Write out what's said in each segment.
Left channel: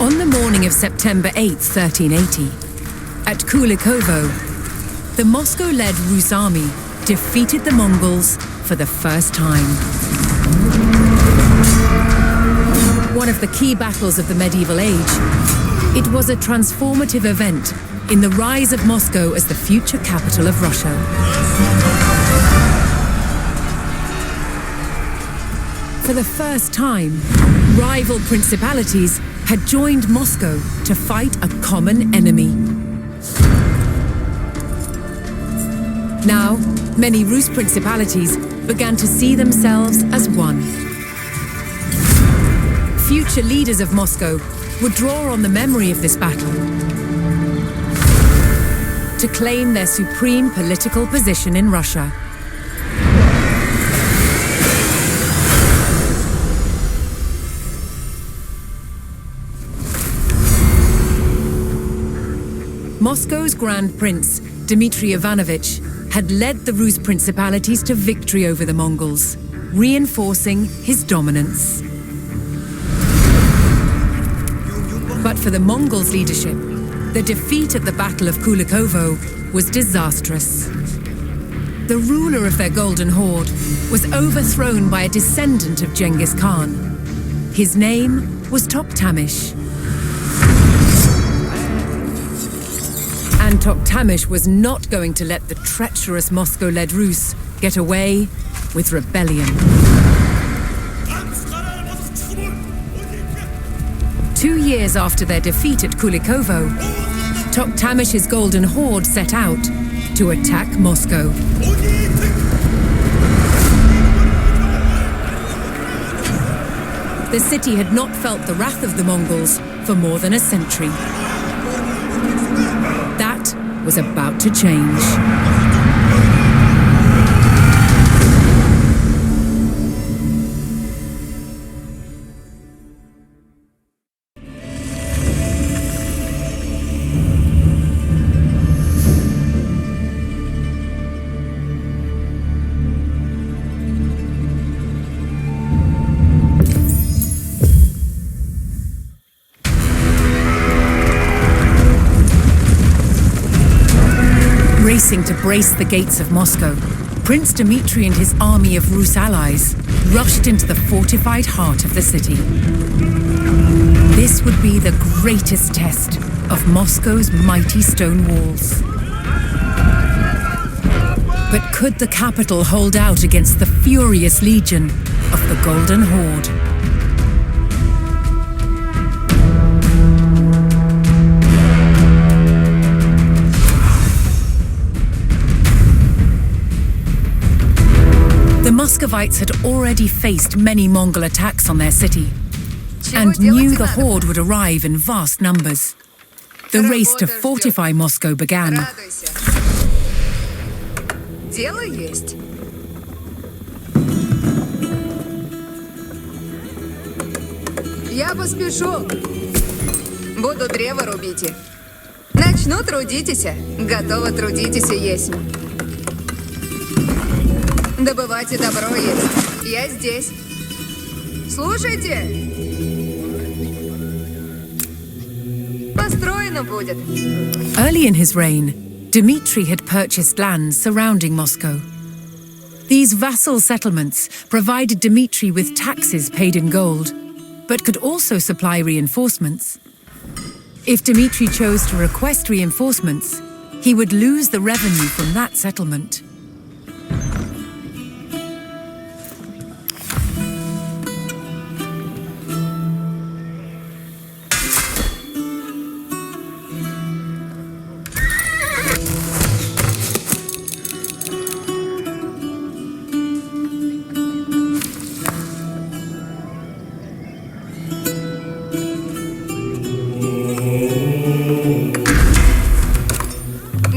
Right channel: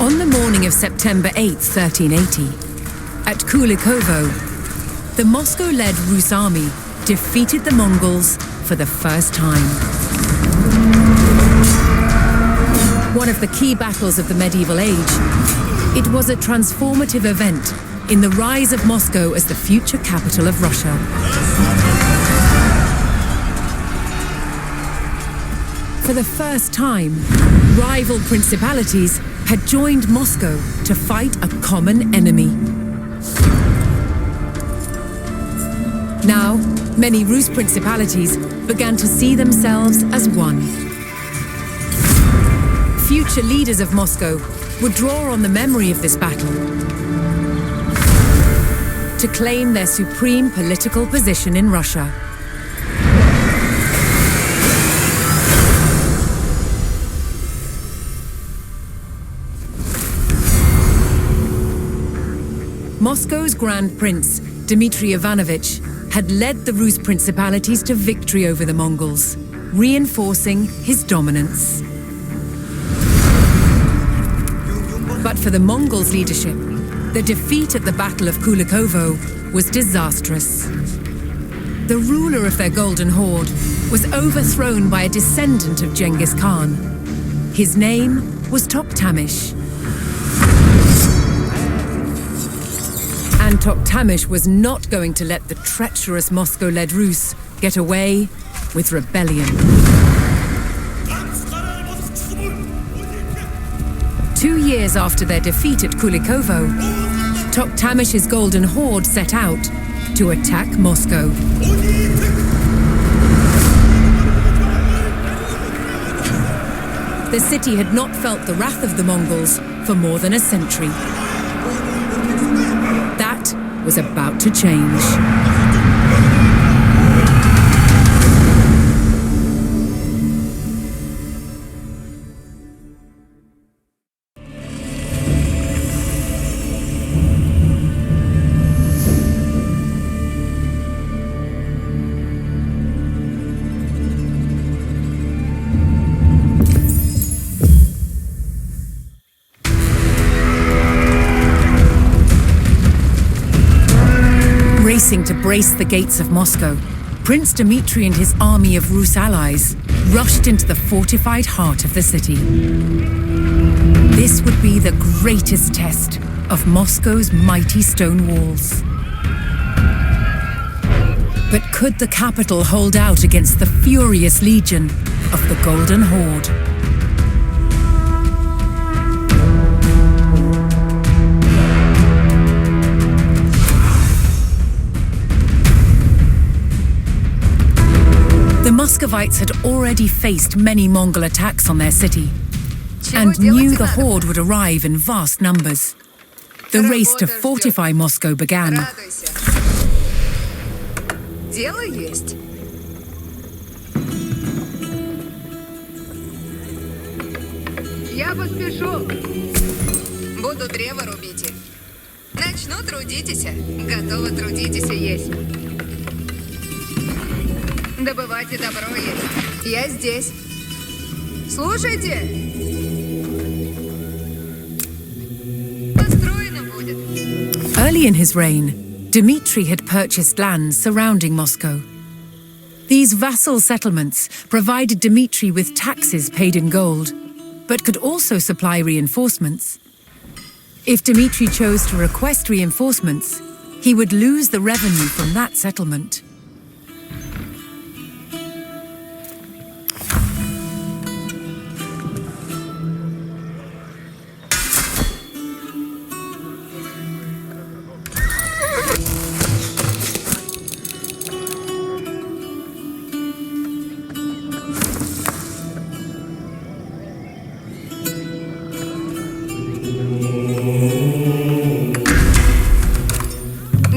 On the morning of September 8, 1380, at Kulikovo, the Moscow-led Rus army defeated the Mongols for the first time. One of the key battles of the medieval age, it was a transformative event in the rise of Moscow as the future capital of Russia. For the first time, rival principalities had joined Moscow to fight a common enemy. Now, many Rus principalities began to see themselves as one. Future leaders of Moscow would draw on the memory of this battle to claim their supreme political position in Russia. Moscow's Grand Prince, Dmitry Ivanovich, had led the Rus principalities to victory over the Mongols, reinforcing his dominance. But for the Mongols' leadership, the defeat at the Battle of Kulikovo was disastrous. The ruler of their Golden Horde was overthrown by a descendant of Genghis Khan. His name was Toktamish. And Toktamish was not going to let the treacherous Moscow-led Rus get away with rebellion. 2 years after their defeat at Kulikovo, Toktamish's Golden Horde set out to attack Moscow. The city had not felt the wrath of the Mongols for more than a century. That was about to change. Racing to brace the gates of Moscow, Prince Dmitry and his army of Rus allies rushed into the fortified heart of the city. This would be the greatest test of Moscow's mighty stone walls. But could the capital hold out against the furious legion of the Golden Horde? The Muscovites had already faced many Mongol attacks on their city and knew the Horde would arrive in vast numbers. The race to fortify Moscow began. Дело есть. Я поспешу. Буду древо рубите. Начну трудитесь. Готово трудитесь есть. Добывайте добро есть. Я здесь. Слушайте. Построено будет. Early in his reign, Dmitry had purchased lands surrounding Moscow. These vassal settlements provided Dmitry with taxes paid in gold, but could also supply reinforcements. If Dmitry chose to request reinforcements, he would lose the revenue from that settlement.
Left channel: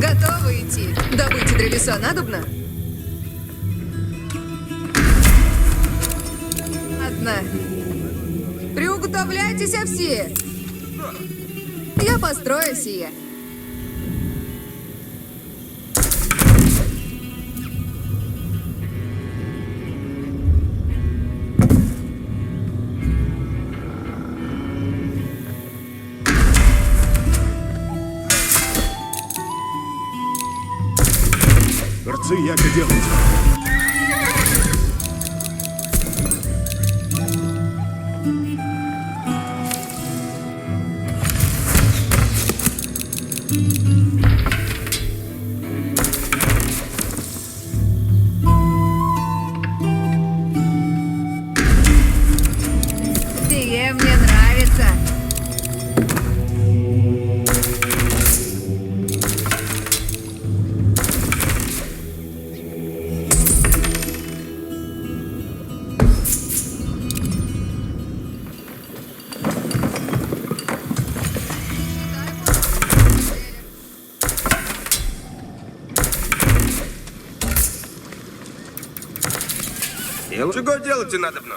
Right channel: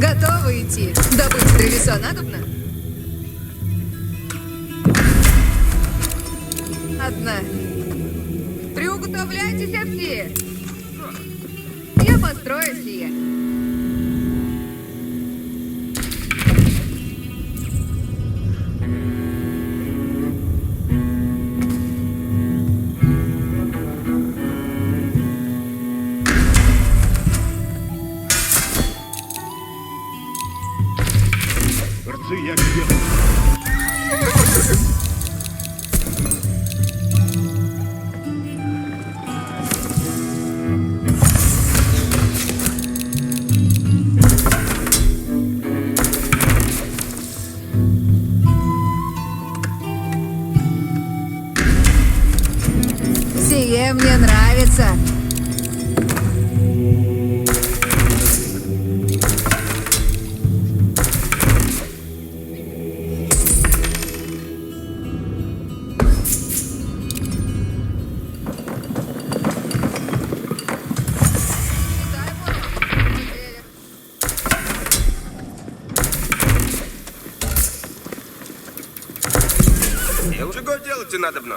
Готовы идти. Добыть древеса надобно? Одна. Приуготовляйтесь все. Я построю сие. Чего делать и надобно?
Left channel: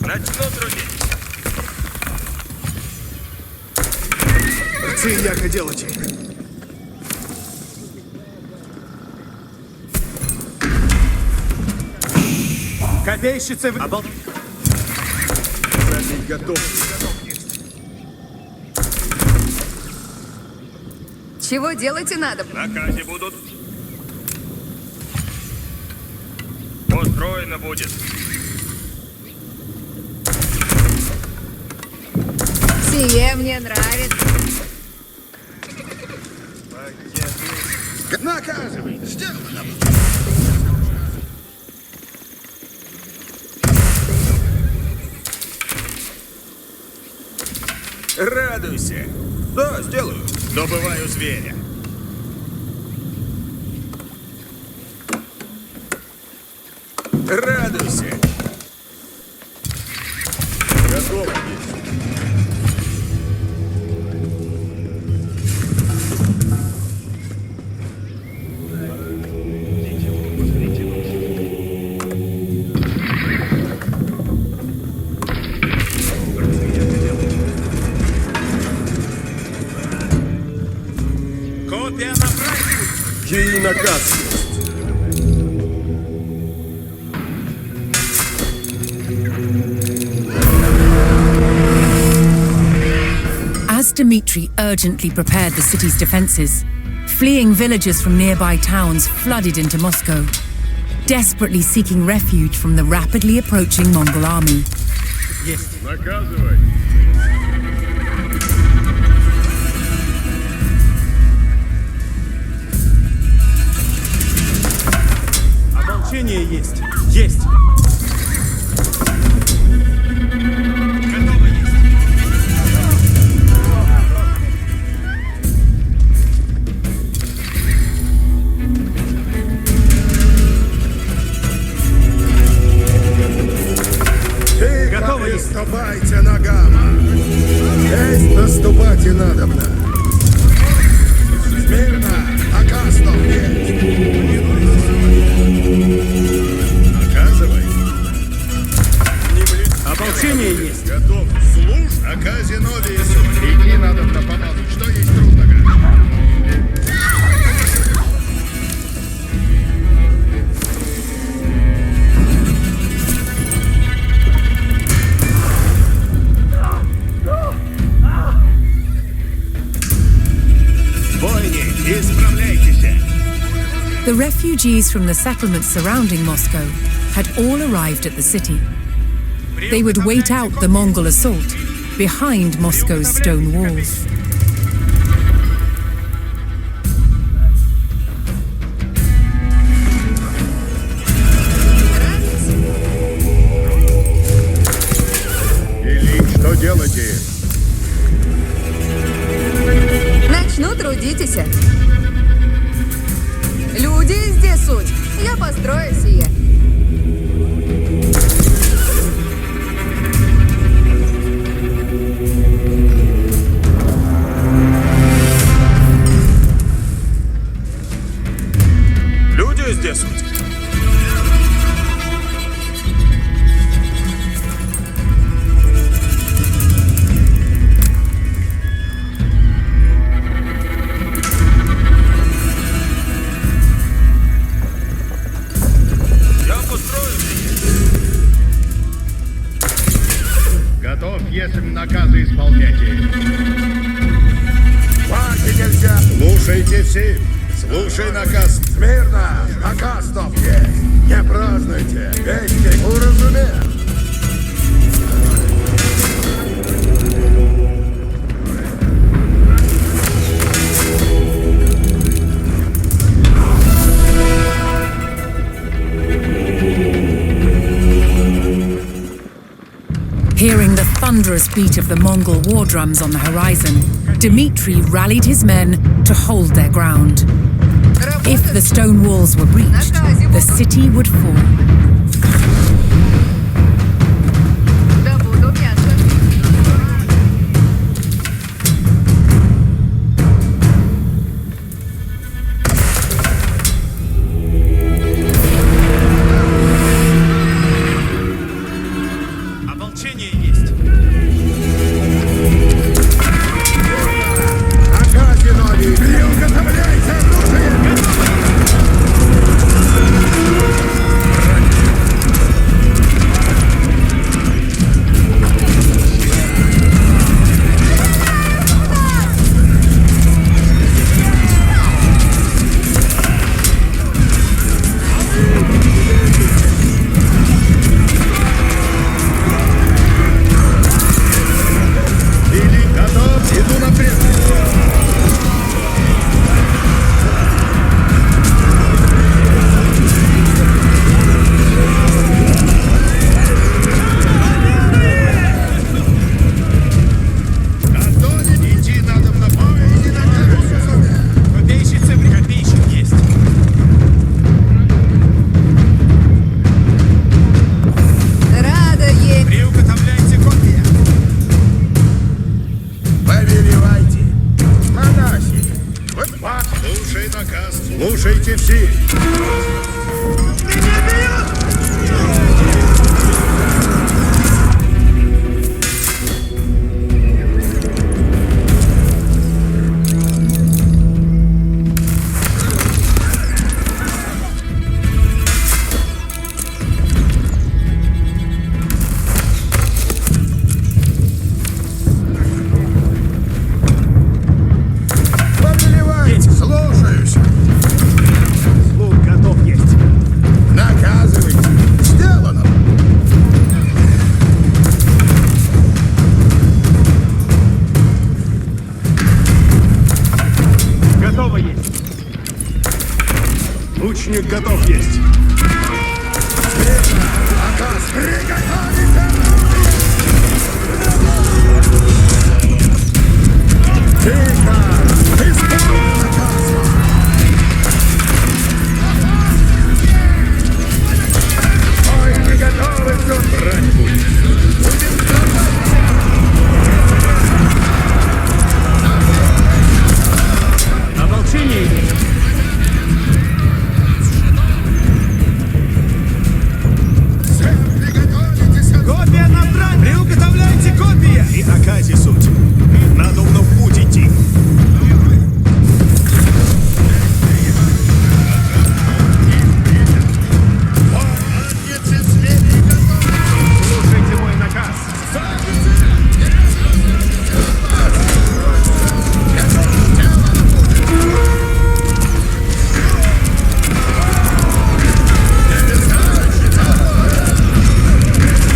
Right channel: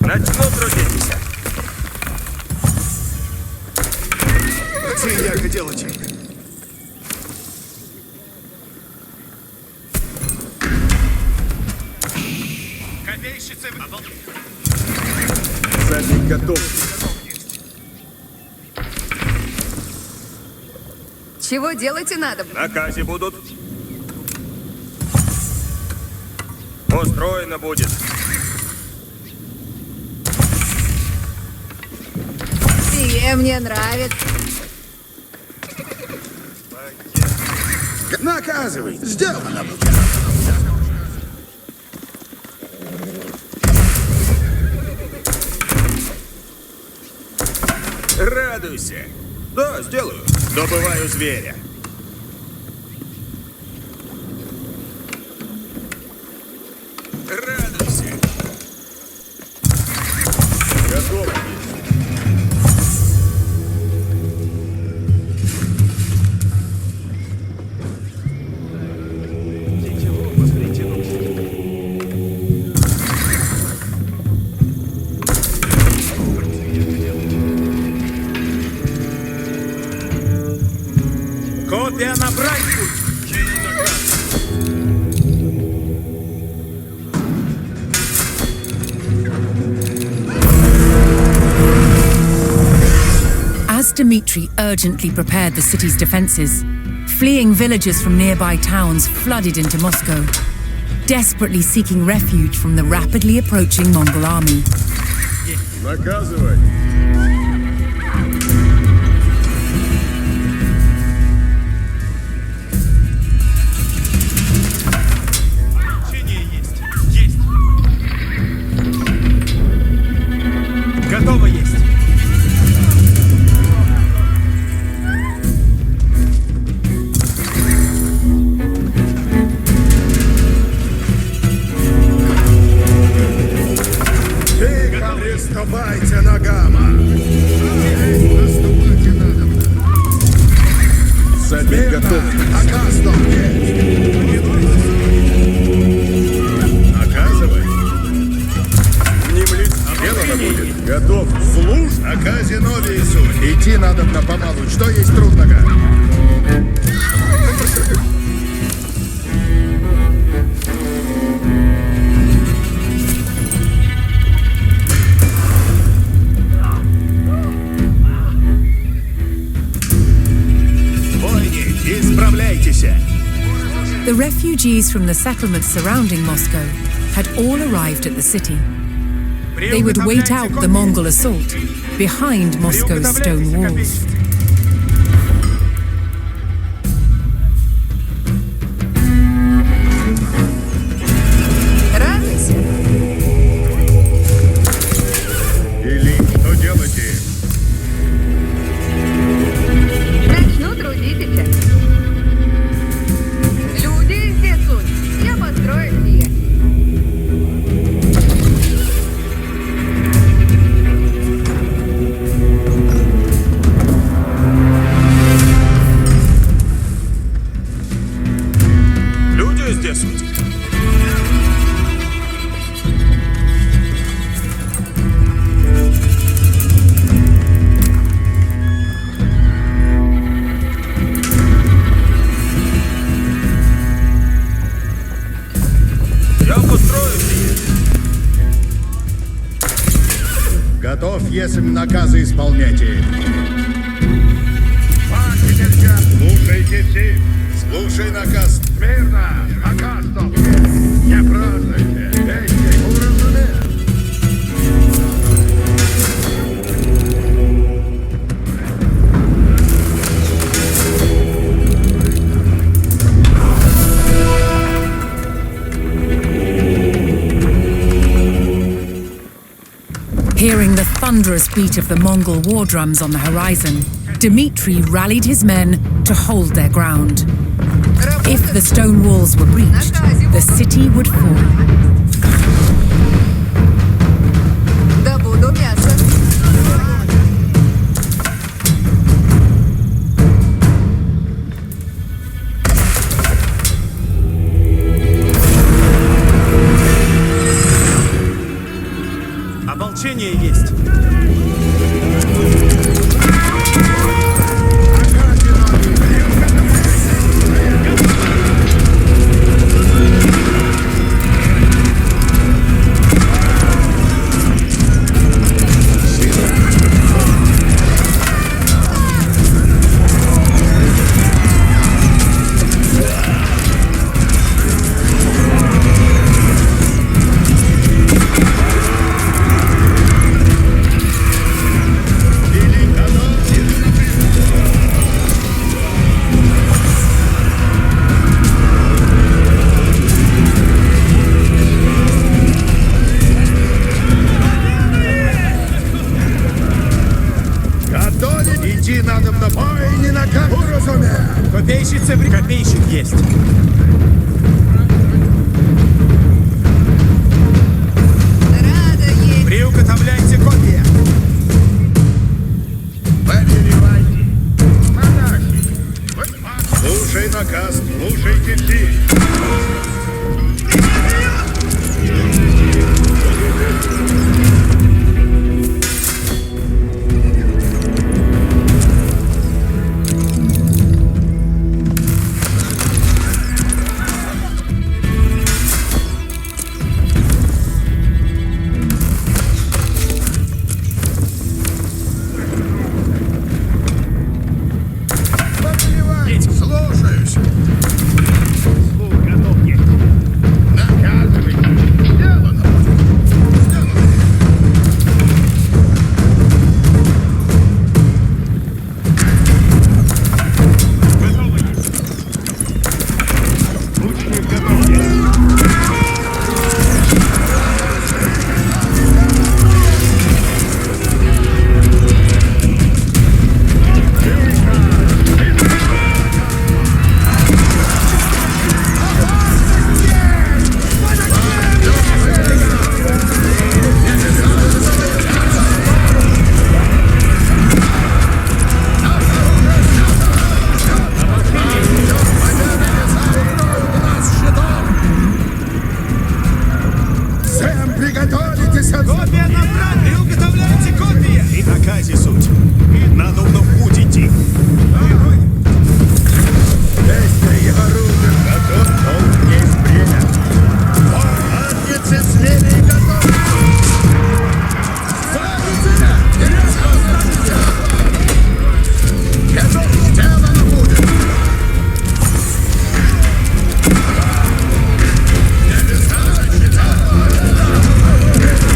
Начну трудиться. Це як делать? Копейщицы... Задник готов. Чего делать и надобно? Накази будут. Устроено будет. Сие мне нравится. Наказывай. Сделано. Радуйся. Да, сделаю. Добываю зверя. Радуйся. Готово. Копия набрать. Чей наказ? As Dmitri urgently prepared the city's defenses, fleeing villagers from nearby towns flooded into Moscow, desperately seeking refuge from the rapidly approaching Mongol army. Ополчение есть. Есть. Готово есть. Тихо, приступайте на гамма. Здесь наступать и надобно. Смирно, оказном есть. Наказывай. Не млит. Готов. Слушай. Наказе новису. Идти надо помалу. Что есть трудного? Бойни, исправляйтесь. The refugees from the settlements surrounding Moscow had all arrived at the city. They would wait out the Mongol assault behind Moscow's stone walls. Радуйся. Или что делаете? Начну трудитесь. Люди здесь суть. Я построю сие. Люди здесь суть. Я построю сие. Готов, если наказы исполняете. Слушайте все. Слушай наказ. Смирно. Наказ не празднуйте. Hearing the thunderous beat of the Mongol war drums on the horizon, Dmitri rallied his men to hold their ground. If the stone walls were breached, the city would fall. Добуду мясо. Ополчение есть. Велик готов, иду напрямую. Готовы? Идти надо в бой, не на карту, разумею. Копейщицы, копейщик есть. Рада есть. Приуготовляйте копья. Повелевайте. Слушай наказ, слушайте все. Повелевайте. Слушаюсь. Слух готов есть. Наказывайте. Сделано. Готово есть. Лучник готов есть. Сэм, приготовитесь от... Копья набрать! Приуготовляйте копья! И наказе суть. Надо в путь идти. Действие оружие готов, долг не принят. Конницы смели и готовы. Ставите! Готов, сделано будет. Небеса считают.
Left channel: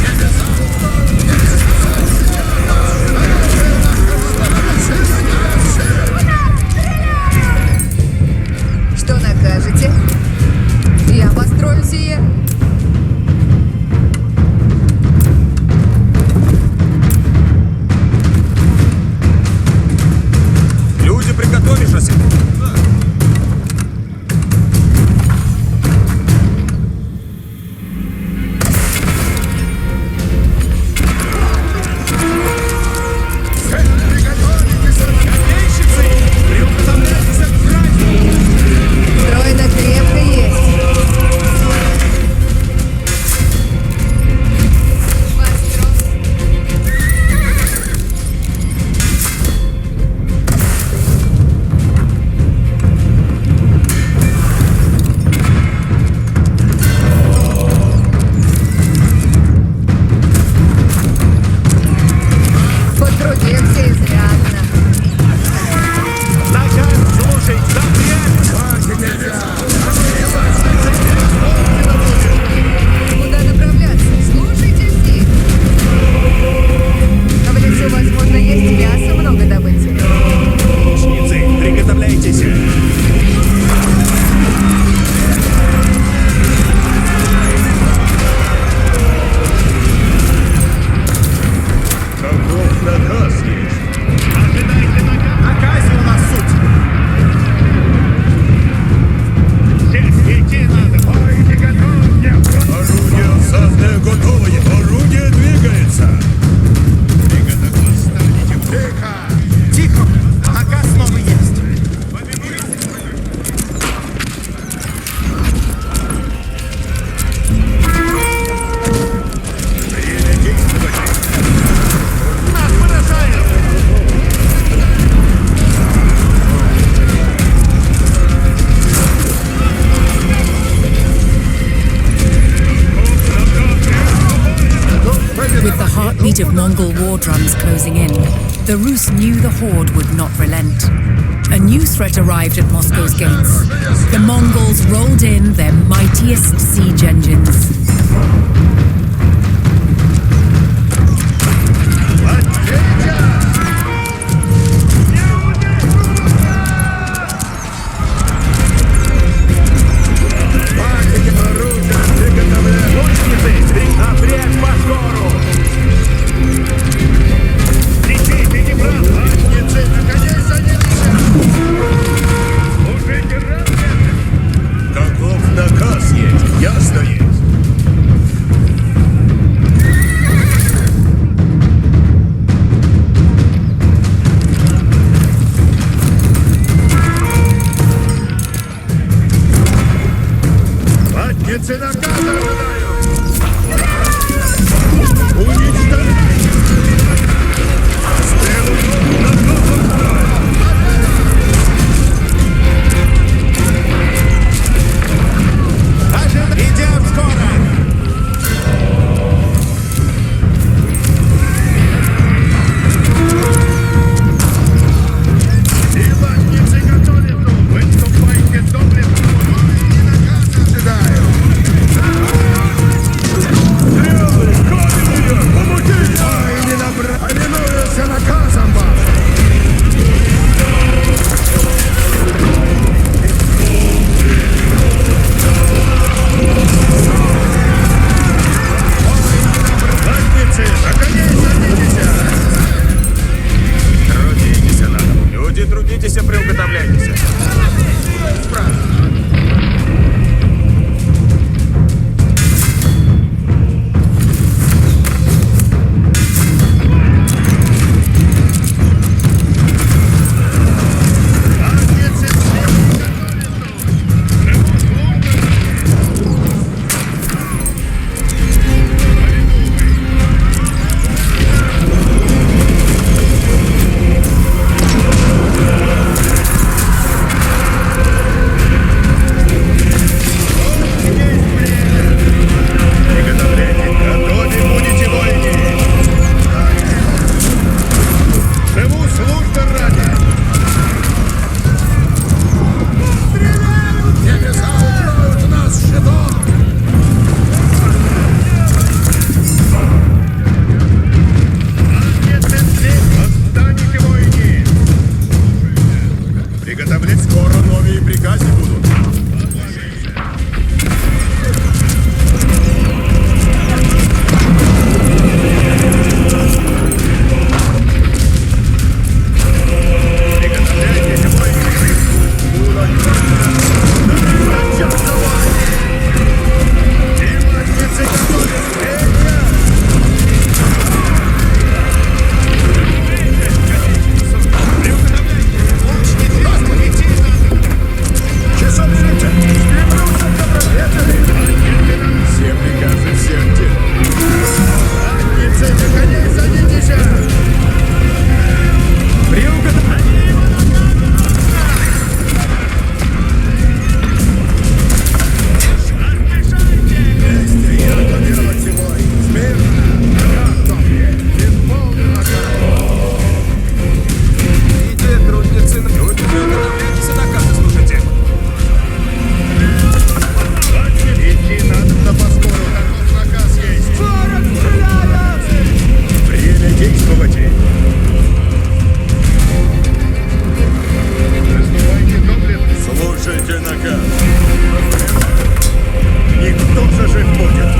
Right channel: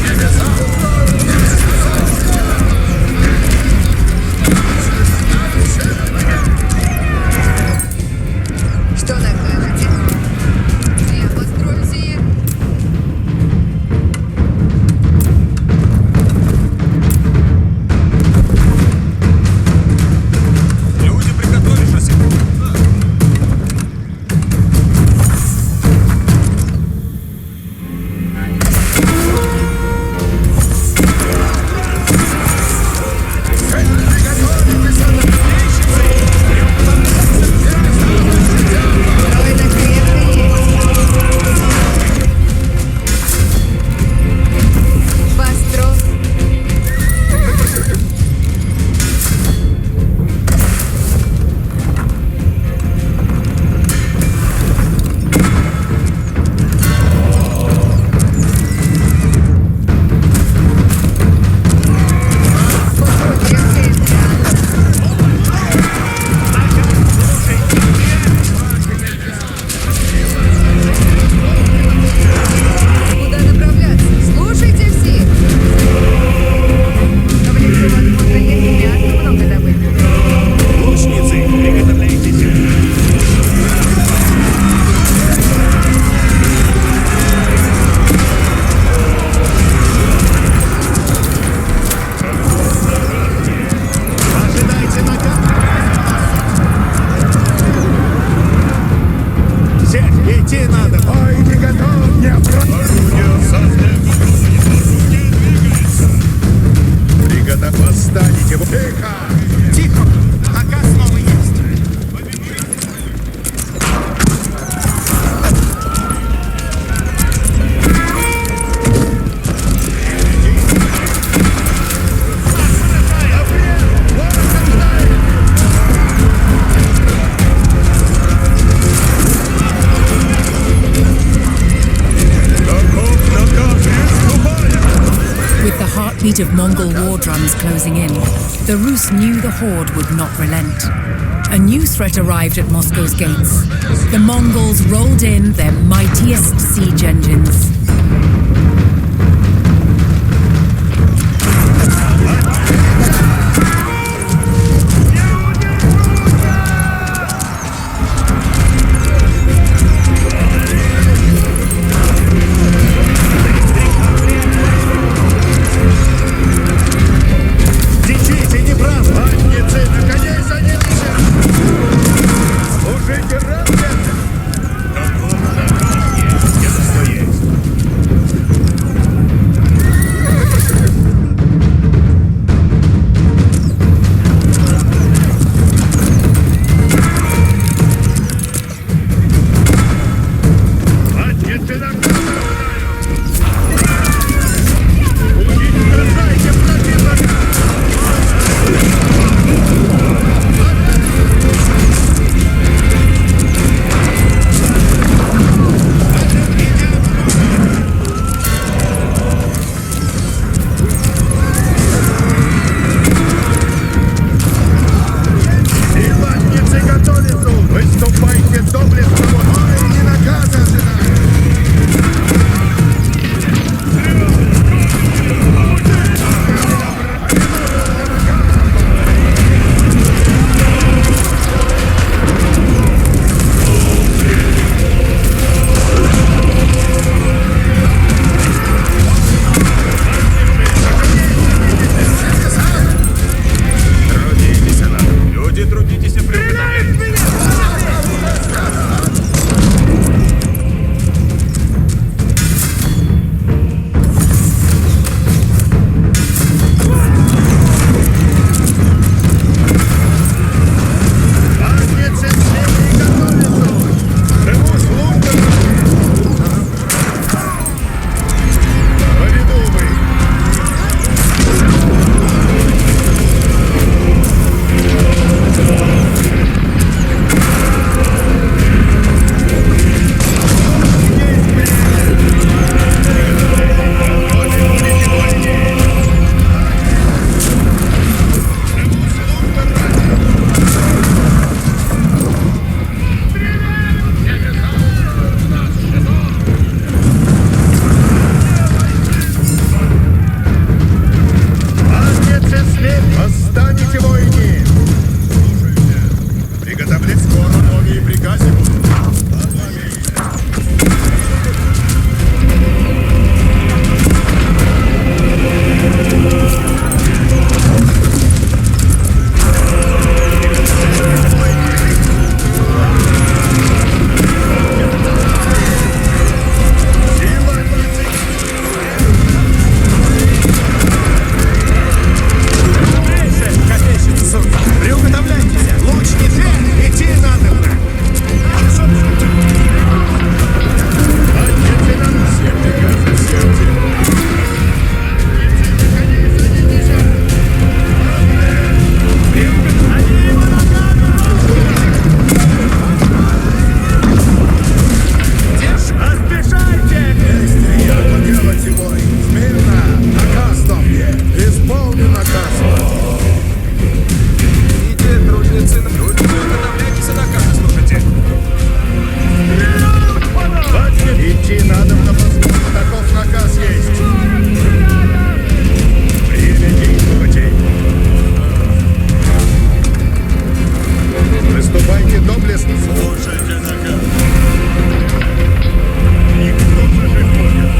Небеса. Что накажете? Я построю сие. Люди, приготовившись. Приготовитесь от... Копейщицы! Приуготовляйтесь от красных! Стройно крепко есть. Постро. Крепко и сделано. Куда направляться? Слушайте все. В лесу, возможно, есть мясо, много добыть. Лучницы, приготовляйтесь. Наказе у нас суть. Идти надо. Орудие осадное готово. Орудие двигается. Приготов, восстанете. Тихо! Тихо! Наказ снова есть. Время действовать. With the heartbeat of Mongol war drums closing in, the Rus knew the Horde would not relent. A new threat arrived at Moscow's gates. The Mongols rolled in their mightiest siege engines. Каков наказ есть? Ясно есть. Люди, трудитесь и приготовляйтесь. Приготовлять скоро новые приказы будут. Приготовляйтесь, воины. Силатницы готовятся. Лучники, идти надо! Часов летят! Все приказы всем деле. Задницы, на коней садитесь! Они его ногами ровно! Держи! Поспешайте! Вместе, яко делать и бой! Смирно! Исполнен наказ! Идите, трудницы, люди, приготовляйтесь и наказы слушайте. Идти надо на подскору, таков наказ есть. Действуйте. Выступайте доблестно. Слушайте наказ. Никто зажив будет.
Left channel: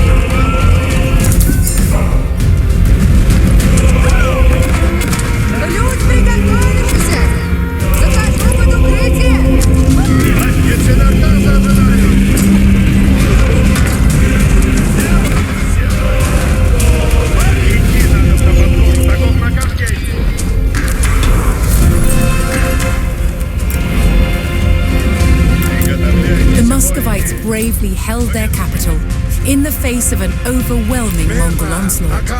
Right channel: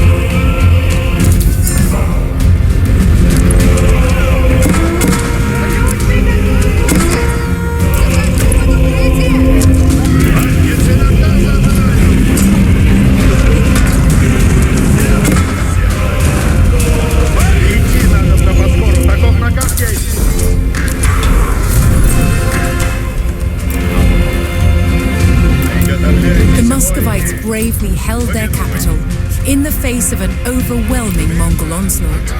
Отницы наказа ожидают! The Muscovites bravely held their capital in the face of an overwhelming Mongol onslaught.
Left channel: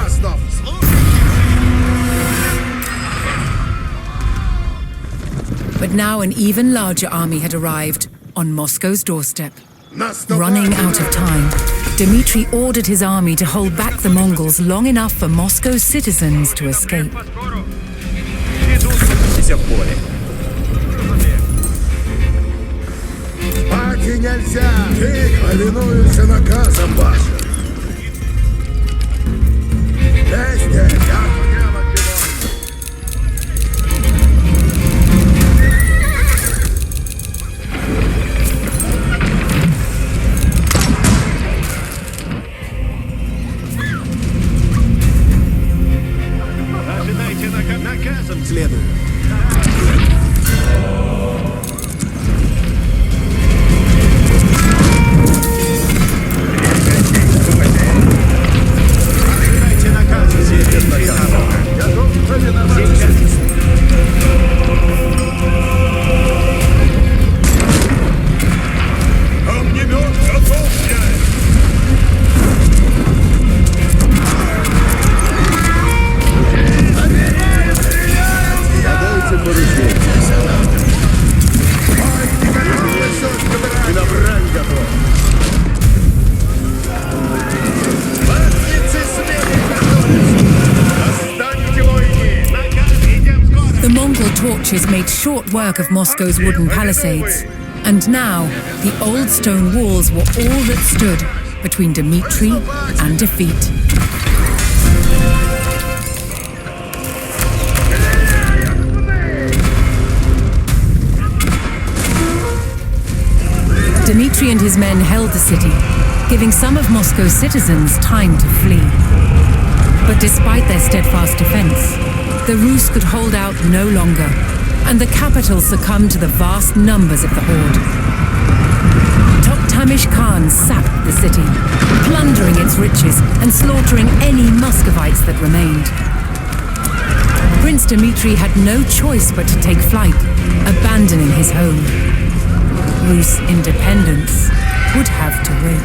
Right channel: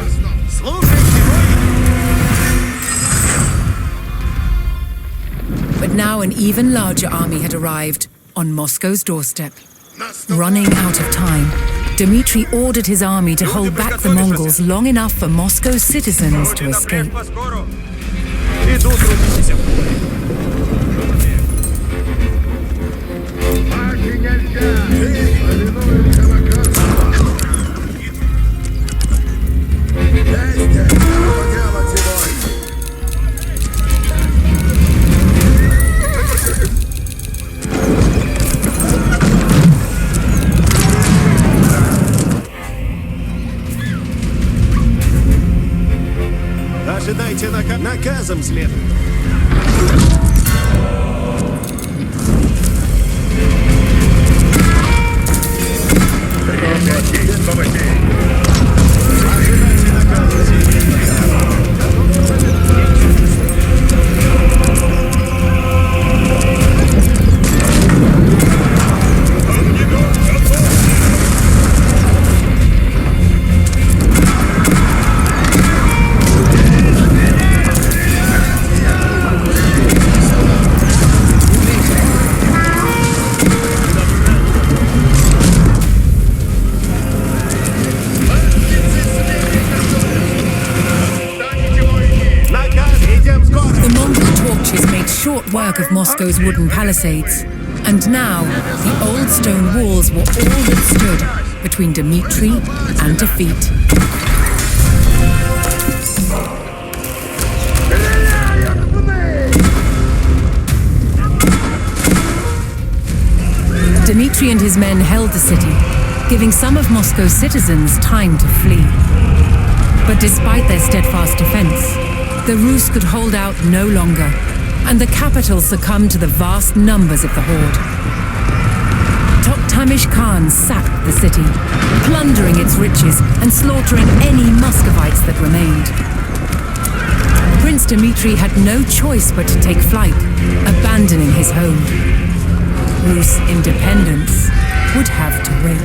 But now an even larger army had arrived on Moscow's doorstep. Running out of time, Dmitry ordered his army to hold back the Mongols long enough for Moscow's citizens to escape. Ожидайте наказом следует. Ожидайте наказа. Огнемет готов, князь! The Mongol torches made short work of Moscow's wooden palisades, and now the old stone walls were all that stood between Dmitry and defeat. Dmitry and his men held the city, giving some of Moscow's citizens time to flee. But despite their steadfast defense, the Rus could hold out no longer, and the capital succumbed to the vast numbers of the Horde. Toktamish Khan sacked the city, plundering its riches and slaughtering any Muscovites that remained. Prince Dmitry had no choice but to take flight, abandoning his home. Rus independence would have to wait.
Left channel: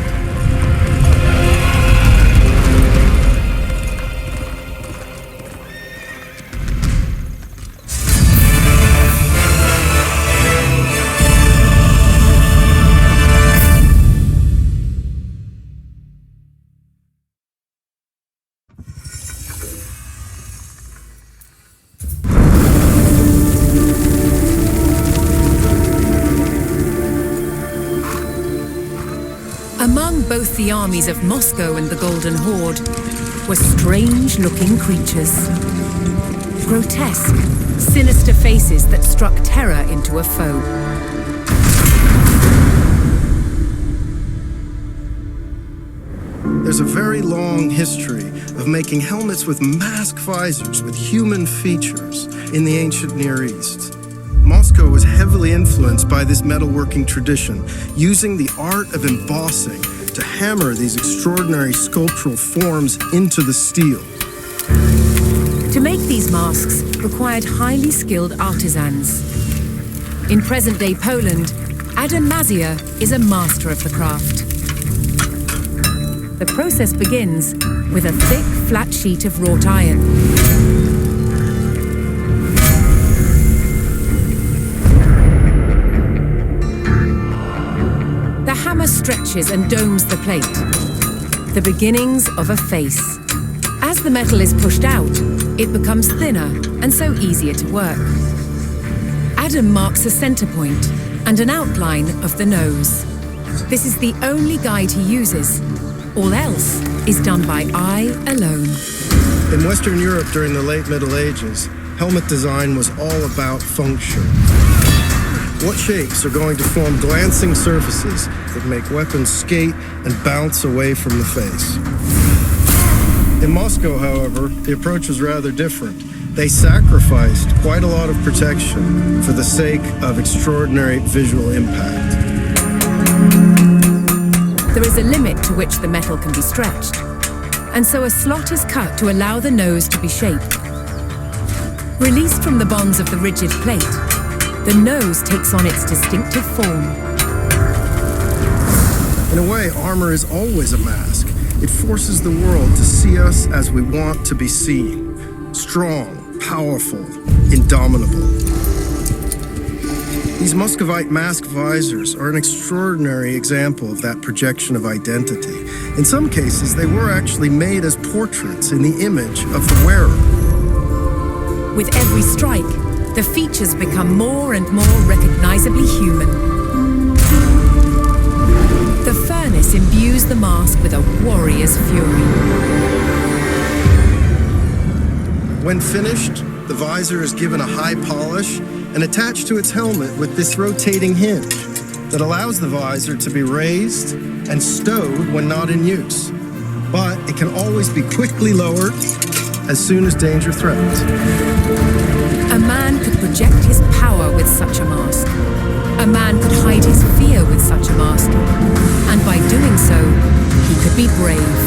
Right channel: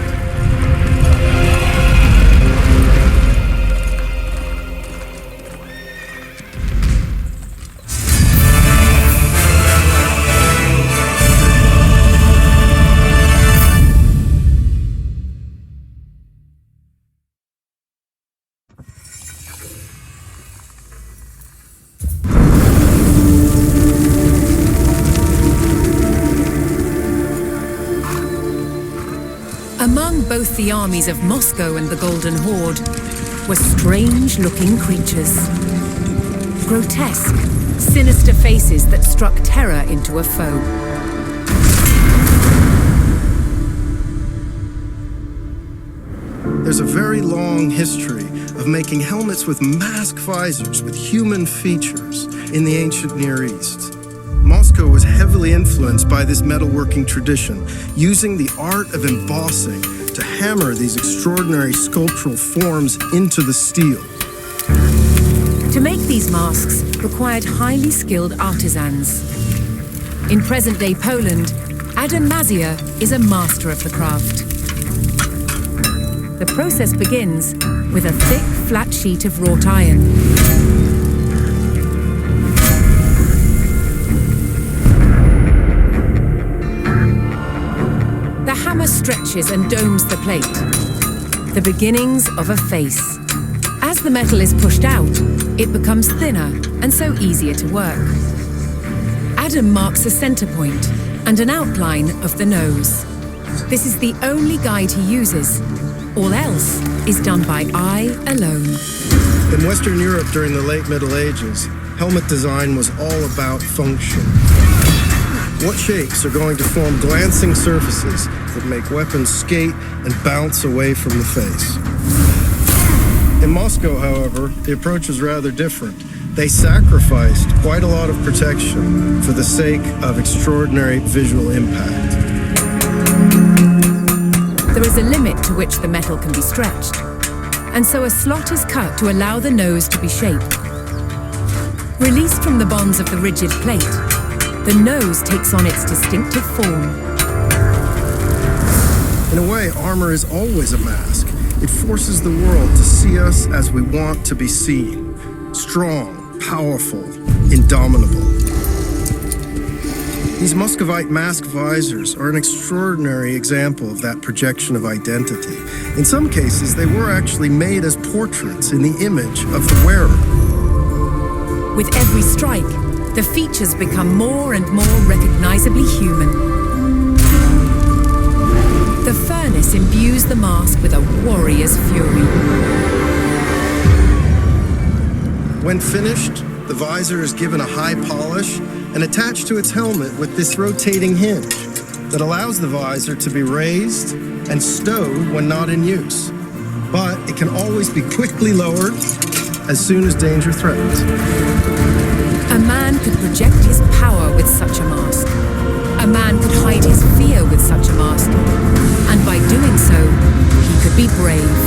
Among both the armies of Moscow and the Golden Horde were strange-looking creatures. Grotesque, sinister faces that struck terror into a foe. There's a very long history of making helmets with mask visors with human features in the ancient Near East. Moscow was heavily influenced by this metalworking tradition, using the art of embossing to hammer these extraordinary sculptural forms into the steel. To make these masks required highly skilled artisans. In present-day Poland, Adam Mazia is a master of the craft. The process begins with a thick, flat sheet of wrought iron. The hammer stretches and domes the plate, the beginnings of a face. As the metal is pushed out, it becomes thinner and so easier to work. Adam marks a center point and an outline of the nose. This is the only guide he uses. All else is done by eye alone. In Western Europe during the late Middle Ages, helmet design was all about function. What shapes are going to form glancing surfaces that make weapons skate and bounce away from the face? In Moscow, however, the approach was rather different. They sacrificed quite a lot of protection for the sake of extraordinary visual impact. There is a limit to which the metal can be stretched, and so a slot is cut to allow the nose to be shaped. Released from the bonds of the rigid plate, the nose takes on its distinctive form. In a way, armor is always a mask. It forces the world to see us as we want to be seen. Strong, powerful, indomitable. These Muscovite mask visors are an extraordinary example of that projection of identity. In some cases, they were actually made as portraits in the image of the wearer. With every strike, the features become more and more recognizably human. The furnace imbues the mask with a warrior's fury. When finished, the visor is given a high polish and attached to its helmet with this rotating hinge that allows the visor to be raised and stowed when not in use. But it can always be quickly lowered as soon as danger threatens. A man could project his power with such a mask. A man could hide his fear with such a mask. And by doing so, he could be brave.